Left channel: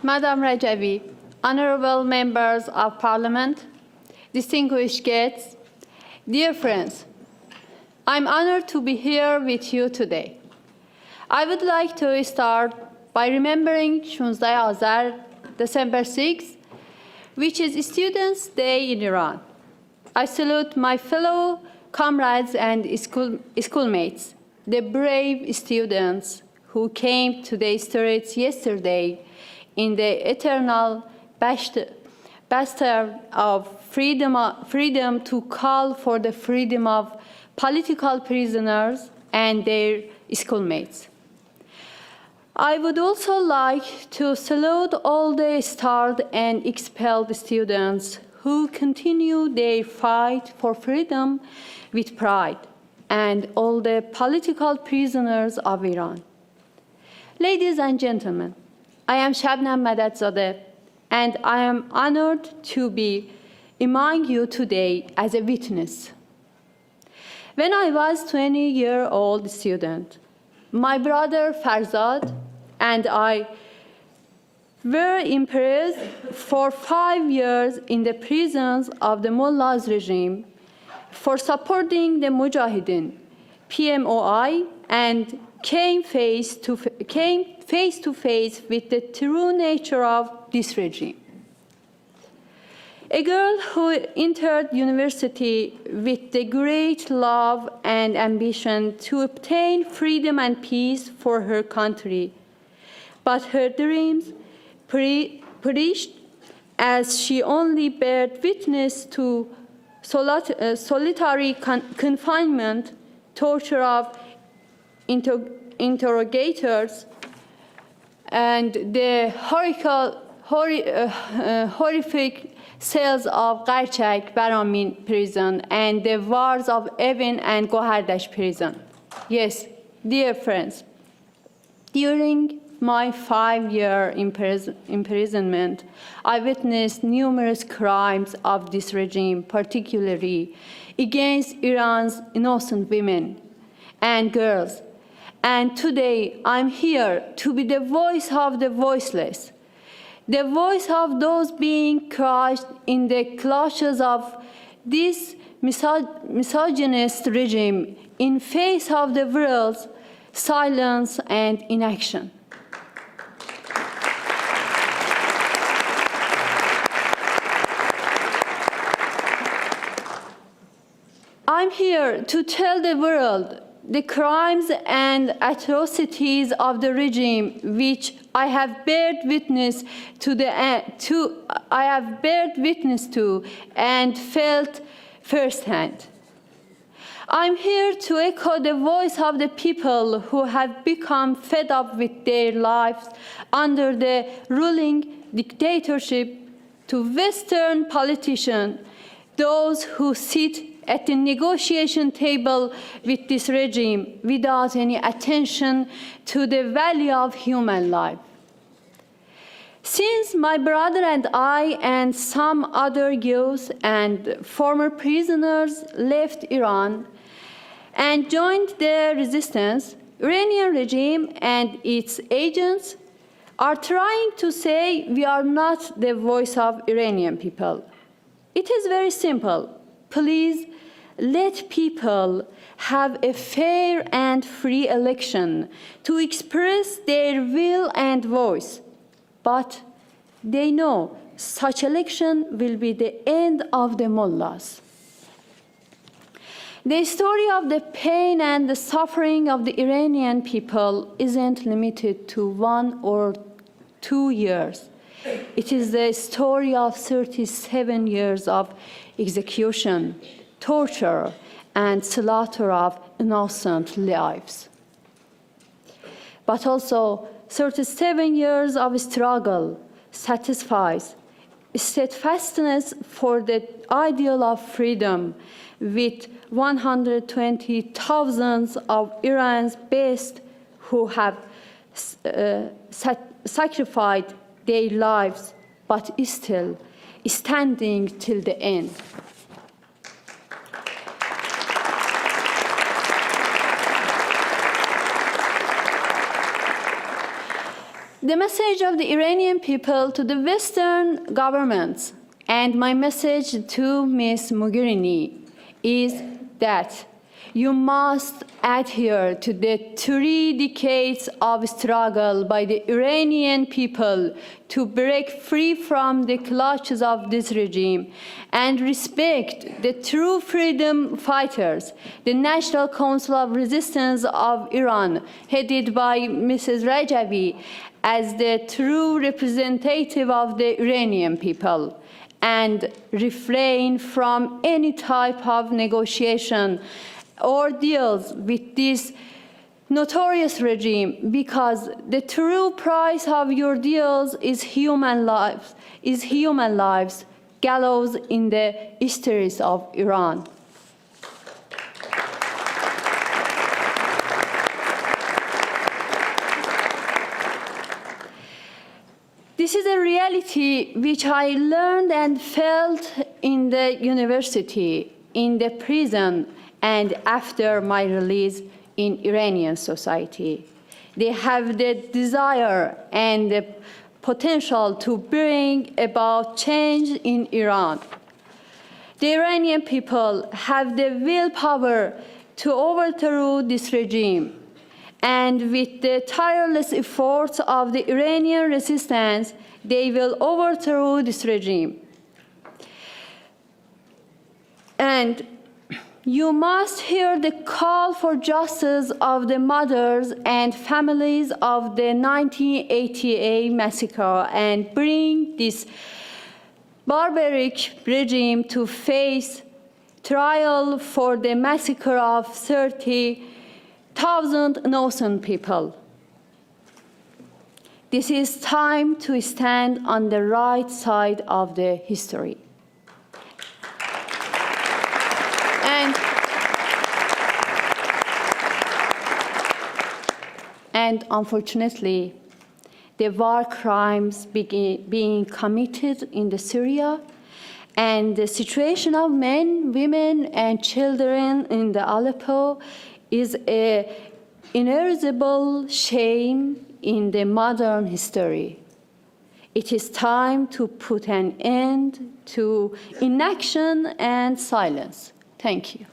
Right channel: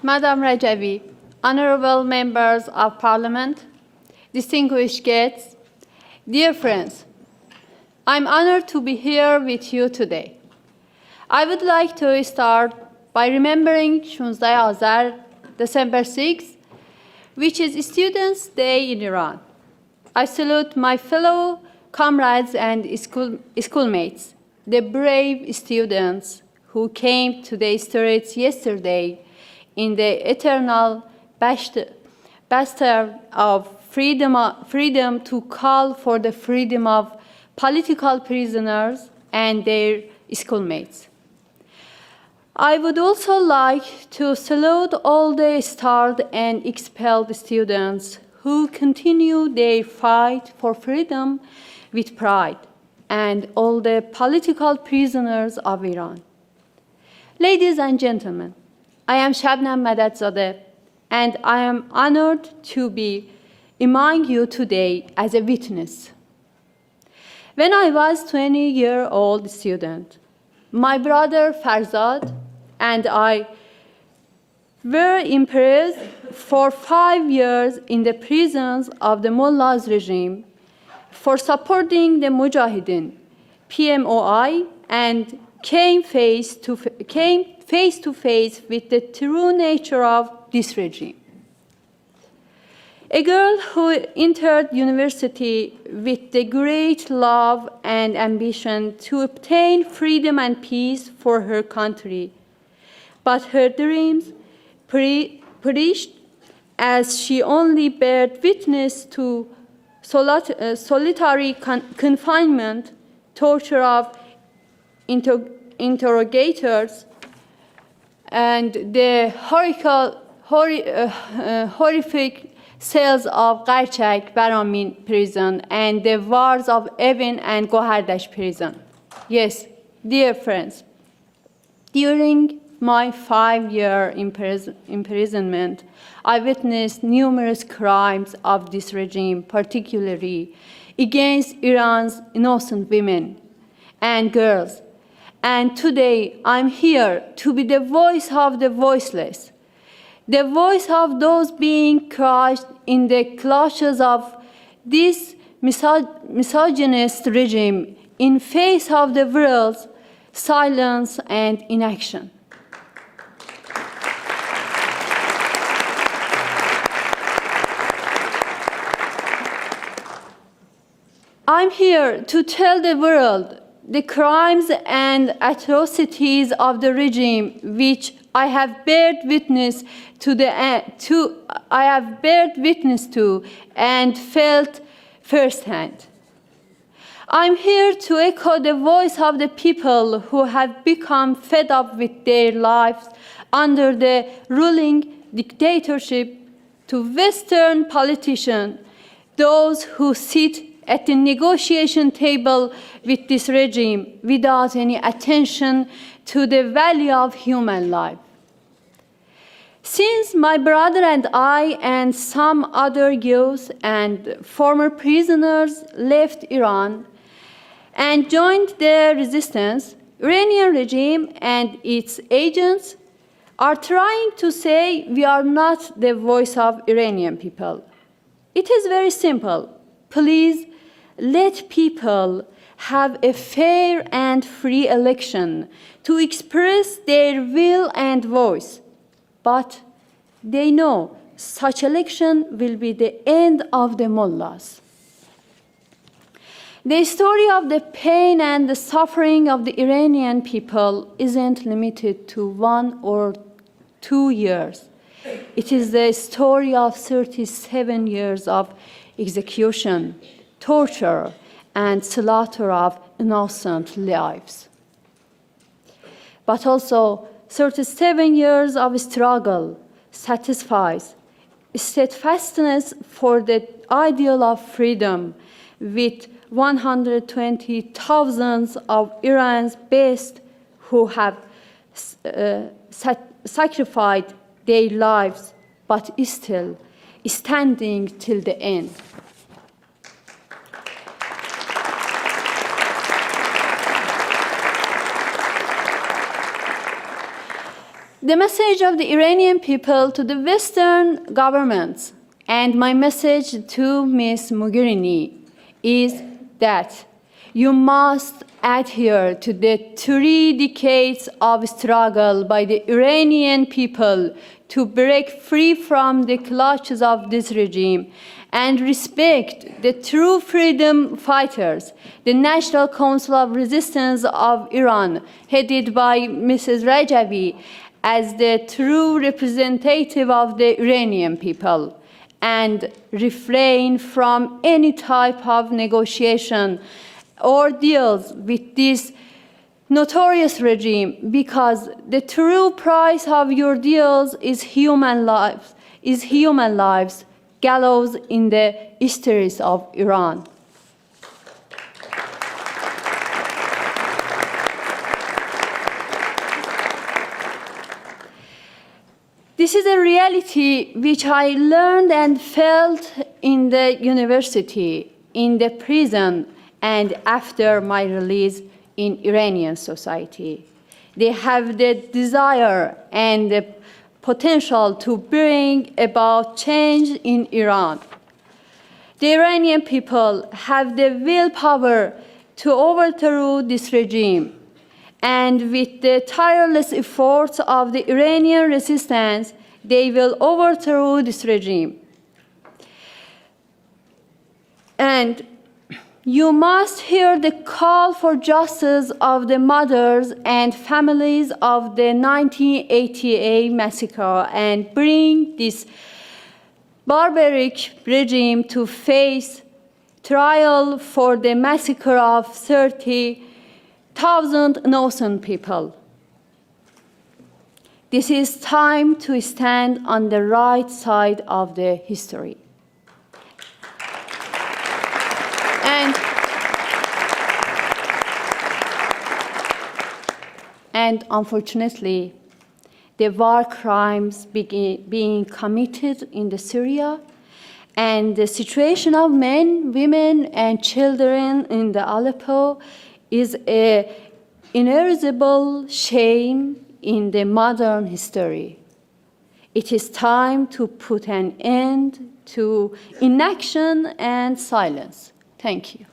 Madam Rajavi, honorable members of parliament, distinguished guests, dear friends, I'm honored to be here with you today. I would like to start by remembering 16 Azar, December 6, which is Students' Day in Iran. I salute my fellow comrades and schoolmates, the brave students who came to the streets yesterday in the eternal bastard of freedom to call for the freedom of political prisoners and their schoolmates. I would also like to salute all the starved and expelled students who continue their fight for freedom with pride, and all the political prisoners of Iran. Ladies and gentlemen, I am Shabnam Madadzadeh, and I am honored to be among you today as a witness. When I was a 20-year-old student, my brother Farzad and I were imprisoned for 5 years in the prisons of the Mullah's regime for supporting the Mujahideen, PMOI, and came face to face with the true nature of this regime. A girl who entered university with the great love and ambition to obtain freedom and peace for her country, but her dreams perished as she only bared witness to solitary confinement, torture of interrogators, and the horrific cells of Qarchak Baramin prison and the wards of Evin and Gohardash prison. Yes, dear friends, during my 5-year imprisonment, I witnessed numerous crimes of this regime, particularly against Iran's innocent women and girls. And today, I'm here to be the voice of the voiceless, the voice of those being crushed in the clutches of this misogynist regime in face of the world's silence and inaction. I'm here to tell the world the crimes and atrocities of the regime which I have bared witness to and felt firsthand. I'm here to echo the voice of the people who have become fed up with their lives under the ruling dictatorship, to Western politicians, those who sit at the negotiation table with this regime without any attention to the value of human life. Since my brother and I and some other youths and former prisoners left Iran and joined the resistance, Iranian regime and its agents are trying to say we are not the voice of Iranian people. It is very simple. Please let people have a fair and free election to express their will and voice. But they know such election will be the end of the mullahs. The story of the pain and the suffering of the Iranian people isn't limited to 1 or 2 years. It is the story of 37 years of execution, torture, and slaughter of innocent lives. But also, 37 years of struggle satisfies steadfastness for the ideal of freedom, with 120,000 of Iran's best who have sacrificed their lives, but still standing till the end. The message of the Iranian people to the Western governments and my message to Ms. Mogherini is that you must adhere to the 3 decades of struggle by the Iranian people to break free from the clutches of this regime and respect the true freedom fighters, the National Council of Resistance of Iran, headed by Mrs. Rajavi, as the true representative of the Iranian people, and refrain from any type of negotiation or deals with this notorious regime, because the true price of your deals is human lives, gallows in the histories of Iran. This is a reality which I learned and felt in the university, in the prison, and after my release in Iranian society. They have the desire and the potential to bring about change in Iran. The Iranian people have the willpower to overthrow this regime, and with the tireless efforts of the Iranian resistance, they will overthrow this regime. And you must hear the call for justice of the mothers and families of the 1988 massacre and bring this barbaric regime to face trial for the massacre of 30,000 innocent people. This is time to stand on the right side of the history. And unfortunately, the war crimes being committed in the Syria and the situation of men, women, and children in the Aleppo is an inerasable shame in the modern history. It is time to put an end to inaction and silence. Thank you.